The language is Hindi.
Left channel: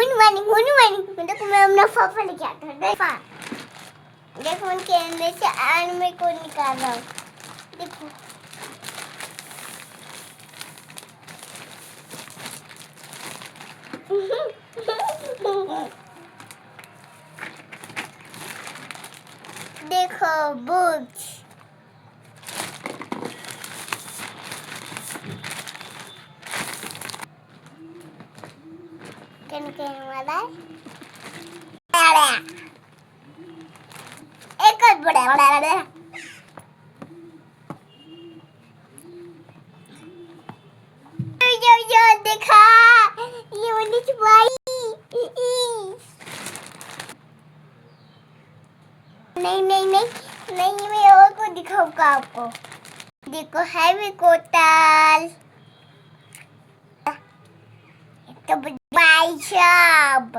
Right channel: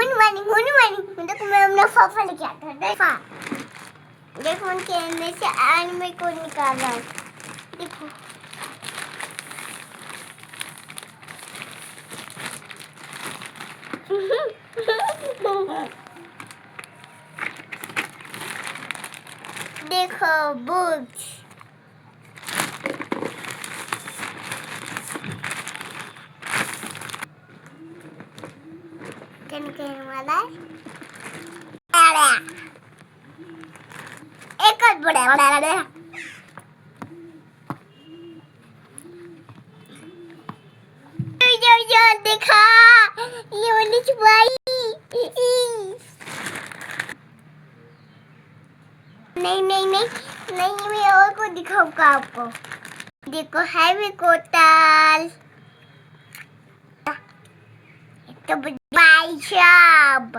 देखो मैं अपना पापा लेके आता हूँ। देखो मैं कैमरे से एनिमे को निकाल रहा हूँ। देखो देखो बुक्स कहने वाला एक और बड़ा जो देखा ये वाली छुपाई नहीं मैं और को दिखाऊंगा आपको। देखो हैवी कोटल तो बाई साहब